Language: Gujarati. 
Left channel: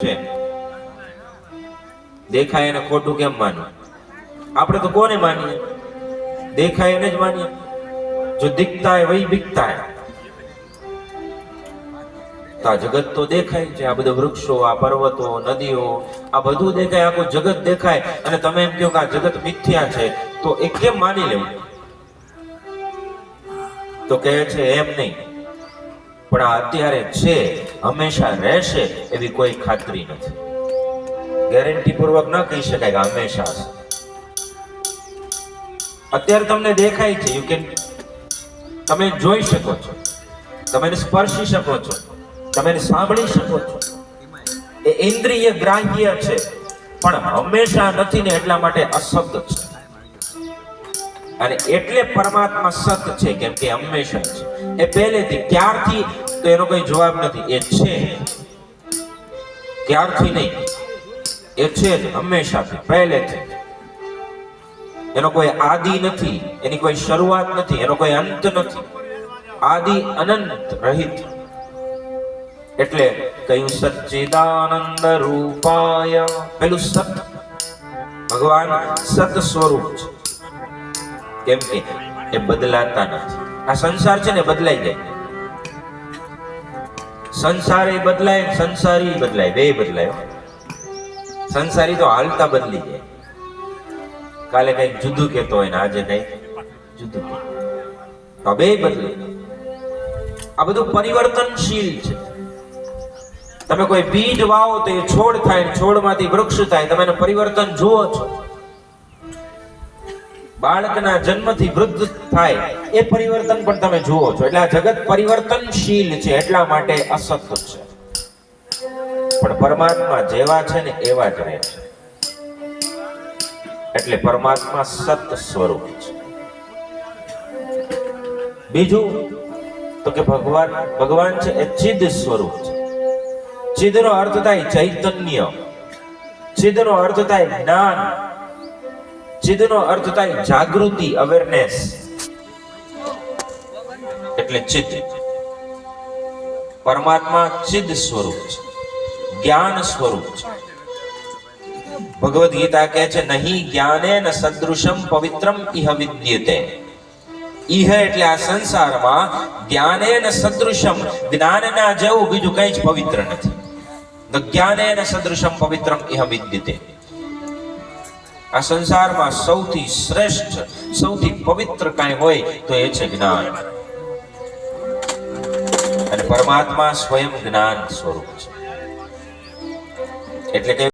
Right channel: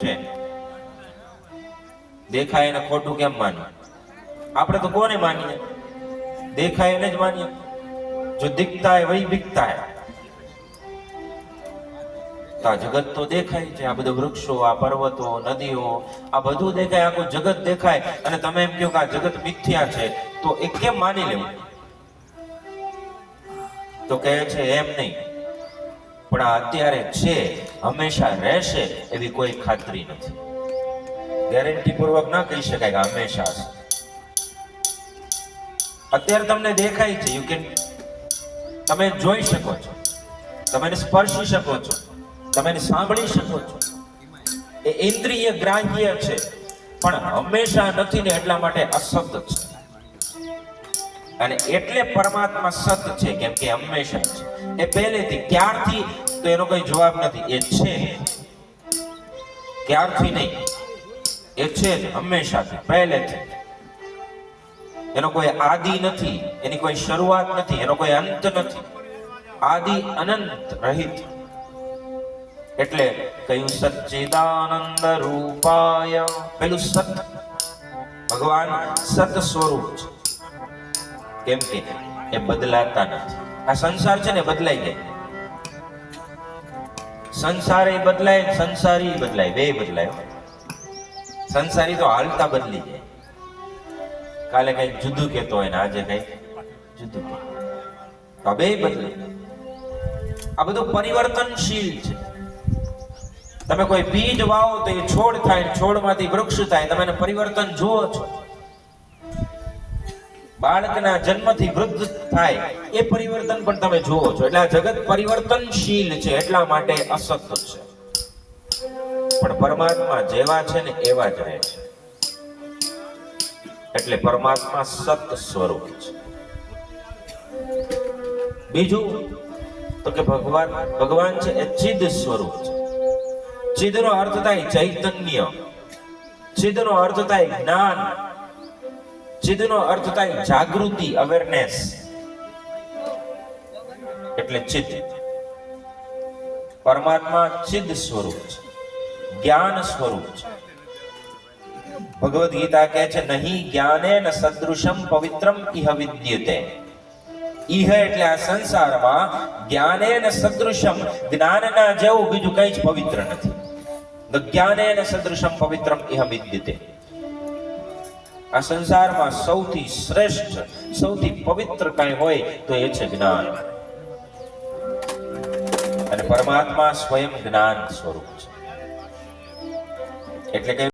છે દેખાય એને ખોટું કેમ માનવું? આપણે તો કોને માનીએ? દેખાય એને જ માનીએ. જો દિખતા હૈ વહી બિકતા હૈ. તો આ જગત તો દેખાય છે, આ બધા વૃક્ષો, આ પર્વતો, નદીઓ, આ બધું દેખાય, આખું જગત દેખાય, અને તમે એમ કહો કે આ જગત મિથ્યા છે, તો એ કેમ માની લેવું? તો કહે છે એમ નહીં, પણ આ અત્યારે છે, હંમેશા રહેશે એવી કોઈ ખાતરી નથી. ગેરંટી પૂર્વક ન કહી શકાય કે હંમેશા હશે. અત્યારે તમને દેખાય છે, યુ કેન, તમે જોઈ શકો છો, તમે એને સ્પર્શી શકો છો, તમે એને સાંભળી શકો છો, એ ઇન્દ્રિય ગ્રાહ્ય છે, પણ હંમેશા નથી ને, એટલા માટે અસત છે. અને એટલે પરમાત્મા સત છે, કેમ કે હંમેશા છે. એ પહેલેથી, ક્યારથી તો એનો કોઈ જવાબ નથી. એ છે, ક્યારથી નહીં, એ છે જ હંમેશાથી, પહેલેથી. એનો કોઈ આદિ નથી, એની કોઈ શરૂઆત નથી, એનો કોઈ અંત નથી. આદિ અનંત રહિત. એટલે કયું સચ્ચિદાનંદ રૂપાય, પેલું સત. ભગવાન સત સ્વરૂપ છે, કેમ કે એ બદલાતા નથી. આ સંસાર છે ને, બદલાઈ જાય. સંસાર એ બદલાય, સંસારી બદલાય, બે બદલાય. સંસારી તો હાલતા બદલી જાય. કાલે કઈક જુદું કહેતો હોય ને આજે કઈક જુદું, બે બદલે. આ બધું પરિવર્તનશીલ છે. તમે કોઈ બીજ વાવો તો એ છોડ થાય, છોડમાંથી વૃક્ષ થાય, તમે એને પરિવર્તન જુઓ છો. બાળકના જન્મથી વૃદ્ધ થાય એ પરિવર્તન પણ તમે જુઓ છો. એટલે આ જગત પરિવર્તનશીલ છે, એટલા માટે અસત છે. પણ પરમાત્મા જેવા છે ને એવા જ રહે છે. એટલે પરમાત્મા સત સ્વરૂપ છે. બીજું તો કે ભગવાન છે એ ચિદ સ્વરૂપ છે. ચિદનો અર્થ થાય ચૈતન્ય, ચિદનો અર્થ થાય જ્ઞાન, ચિદનો અર્થ થાય જાગૃતિ, અવેરનેસ. એટલે ચિદ. પરમાત્મા ચિદ સ્વરૂપ છે, જ્ઞાન સ્વરૂપ છે. ભગવદ ગીતા કહે છે, નહીં જ્ઞાનેન સદૃશમ પવિત્રમ ઇહ વિદ્યતે. ઇહ એટલે આ સંસારમાં, જ્ઞાનેન સદૃશમ, જ્ઞાનના જેવું બીજું કંઈ જ પવિત્ર નથી. તો જ્ઞાનેન સદૃશમ પવિત્રમ ઇહ વિદ્યતે. આ સંસારમાં સૌથી શ્રેષ્ઠ, સૌથી પવિત્ર કાંઈ હોય તો એ છે જ્ઞાન. અને પરમાત્મા સ્વયં જ્ઞાન સ્વરૂપ છે. એટલે કે